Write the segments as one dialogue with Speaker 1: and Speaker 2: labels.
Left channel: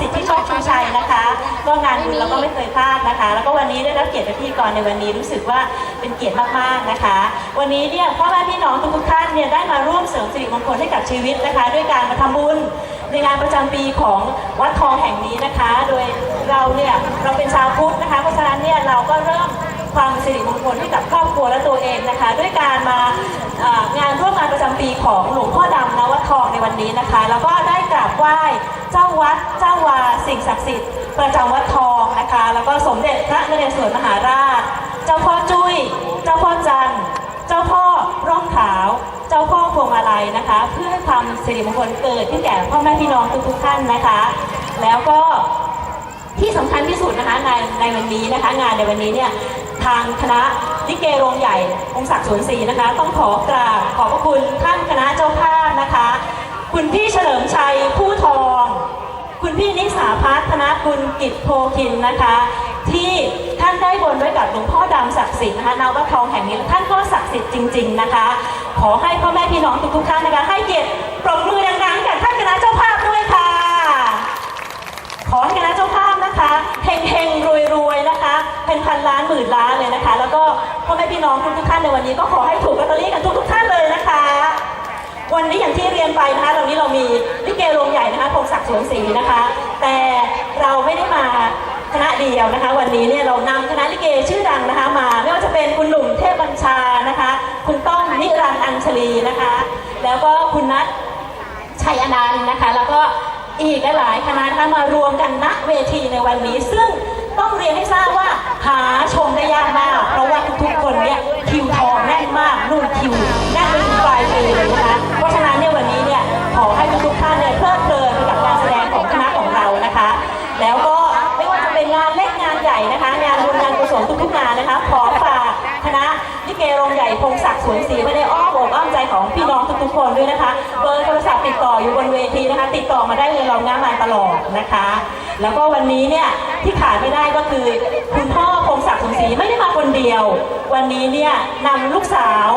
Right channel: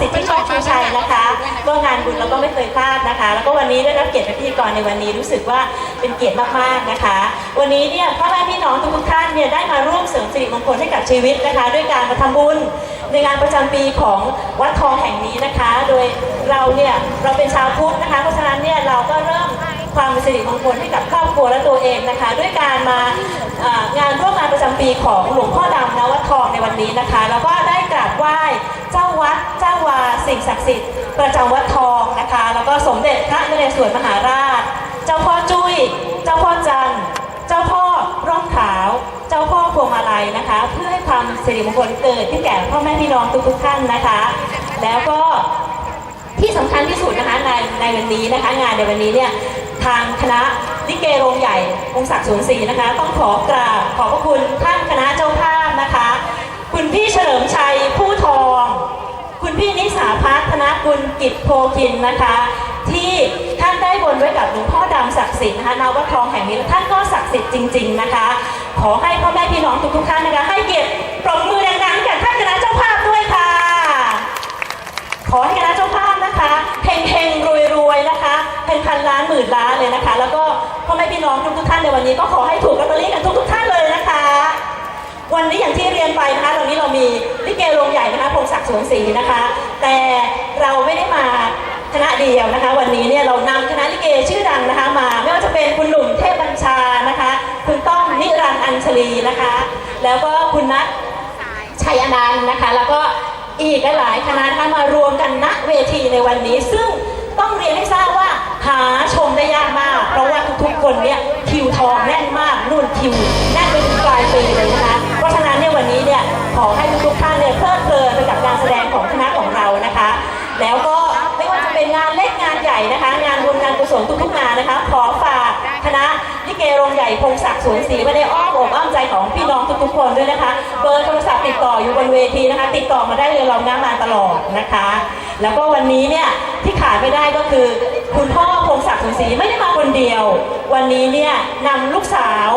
Speaker 1: สิทธิโชคชูชัยนะคะ ก็งานบุญเราก็ไม่เคยพลาดนะคะ แล้วก็วันนี้ได้รับเกียรติเป็นพิธีกรในวันนี้รู้สึกว่าเป็นเกียรติมากๆนะคะ วันนี้เนี่ยพ่อแม่พี่น้องทุกท่านเนี่ยได้มาร่วมเสริมสิริมงคลให้กับชีวิตนะคะ ด้วยการมาทำบุญในงานประจำปีของวัดทองแห่งนี้นะคะ โดยเราเนี่ยเราเป็นชาวพุทธนะคะเพราะฉะนั้นเนี่ยเราก็เริ่มความเป็นสิริมงคลให้กับครอบครัวและตัวเองนะคะ ด้วยการมางานร่วมงานประจำปีของหลวงพ่อดำนวัดทองในวันนี้นะคะ แล้วก็ได้ กราบไหว้เจ้าวัดเจ้าวาสิ่งศักดิ์สิทธิ์ประจำวัดทองนะคะ แล้วก็สมเด็จพระนเรศวรมหาราช เจ้าพ่อจุ้ย เจ้าพ่อจันทร์เจ้าพ่อร่องขาว เจ้าพ่อพวงมาลัยนะคะ เพื่อให้ความสิริมงคลเกิดขึ้นแก่พ่อแม่พี่น้องทุกๆท่านนะคะ แล้วก็ที่สำคัญที่สุดนะคะในในวันนี้นะคะ งานในวันนี้เนี่ยทางคณะลิเกโรงใหญ่องศักดิ์สวนศรีนะคะ ต้องขอกราบขอบพระคุณท่านคณะเจ้าภาพนะคะ คุณพี่เฉลิมชัยผู้ทอง คุณพี่นิสาพัฒนกุลกิจโพคินนะคะ ที่ท่านได้บนไว้กับหลวงพ่อดำศักดิ์สิทธิ์นะคะนวัดทองแห่งนี้ท่านก็ศักดิ์สิทธิ์จริง ๆนะคะ ขอให้พ่อแม่พี่น้องทุกๆท่านนะคะให้เกียรติปรบมือดังๆให้กับท่านคณะเจ้าภาพด้วยค่ะ ขอให้คณะเจ้าภาพนะคะเฮงเฮงรวยรวยๆนะคะ เป็นพันล้านหมื่นล้านเลยนะคะ แล้วก็พ่อแม่พี่น้องทุกๆท่านในวันนี้ก็ขอให้ถูกลอตเตอรี่กันทุกๆท่านเลยนะคะ วันนี้อย่างที่เรียนไปนะคะตอนนี้เรามีลิเกโรงใหญ่นะคะพงศักดิ์สวนศรีนะคะ แต่เราไม่ได้มาคณะเดียวนะคะ วันนี้เนี่ยเรานำคณะลิเกชื่อดังนะคะมาไม่ว่าจะเป็นคุณหนุ่มเทพบัญชานะคะ คุณต้อมนิรันดร์อัญชลีนะคะ แล้วก็คุณนัทชัยอนันต์นะคะ แล้วก็อีกหลายๆคณะนะคะมารวมกันณเวทีในวันนี้ ซึ่งต้องเรียนให้ทราบว่าหาชมได้ยากมาก เพราะว่าทุกๆคนเนี่ยคิวทองแน่นมากนู่นคิว นใหญ่นะคะ งานบุญงานกุศลทุกๆงานนะคะ ขอฝากคณะลิเกโรงใหญ่พงศักดิ์สวนศรีไว้ในอ้อมอกอ้อมใจของพี่น้องทุกๆคนด้วยนะคะ เบอร์โทรศัพท์ติดต่ออยู่บนเวทีนะคะ ติดต่อมาได้เลยเราหน้ามาตลอดนะคะ แล้วก็วันนี้เนี่ยที่ขาดไม่ได้ก็คือคุณพ่อพงศักดิ์สวนศรีไม่ได้มาคนเดียว วันนี้เนี่ยนำลูกสาว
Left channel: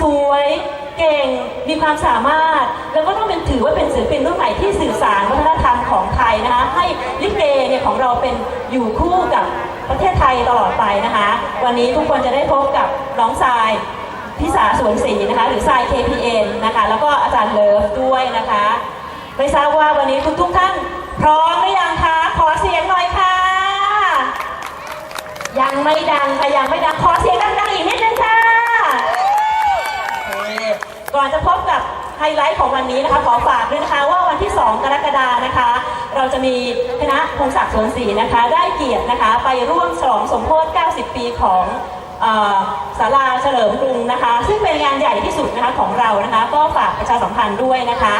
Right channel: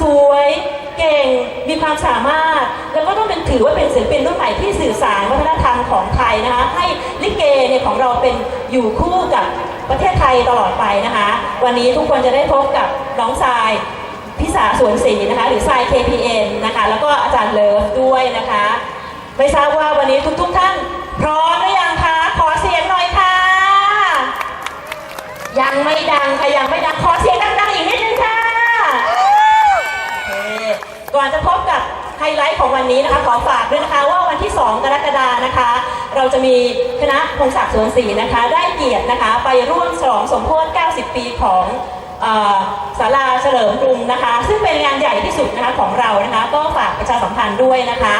Speaker 1: สวย เก่งมีความสามารถ แล้วก็ต้องเป็นถือว่าเป็นศิลปินรุ่นใหม่ที่สื่อสารวัฒนธรรมของไทยนะคะ ให้ลิเกเนี่ยของเราเป็นอยู่คู่กับประเทศไทยตลอดไปนะคะ วันนี้ทุกคนจะได้พบกับน้องทรายพิสาสวนศรีนะคะ หรือทราย KPN นะคะ แล้วก็อาจารย์เลิฟด้วยนะคะไม่ทราบว่าวันนี้ทุกๆท่านพร้อมหรือยังคะขอเสียงหน่อยค่ะ ยังไม่ดังค่ะยังไม่ดังขอเสียงดังๆอีกนิดนึงค่ะ โอเคก่อนจะพบกับไฮไลท์ของวันนี้นะคะขอฝากด้วยนะคะว่าวันที่ 2 กรกฎานะคะ เราจะมีคณะพงศักดิ์สวนศรีนะคะ ได้เกียรตินะคะ ไปร่วมฉลองสมโภช90 ปีของศาลาเฉลิมกรุงนะคะ ซึ่งเป็นงานใหญ่ที่สุดนะคะของเรานะคะ ก็ฝากประชาสัมพันธ์ด้วยนะคะ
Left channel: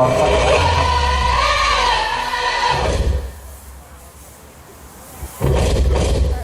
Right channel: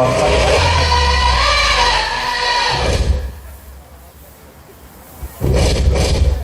Speaker 1: KPN ค่ะ
Speaker 2: ข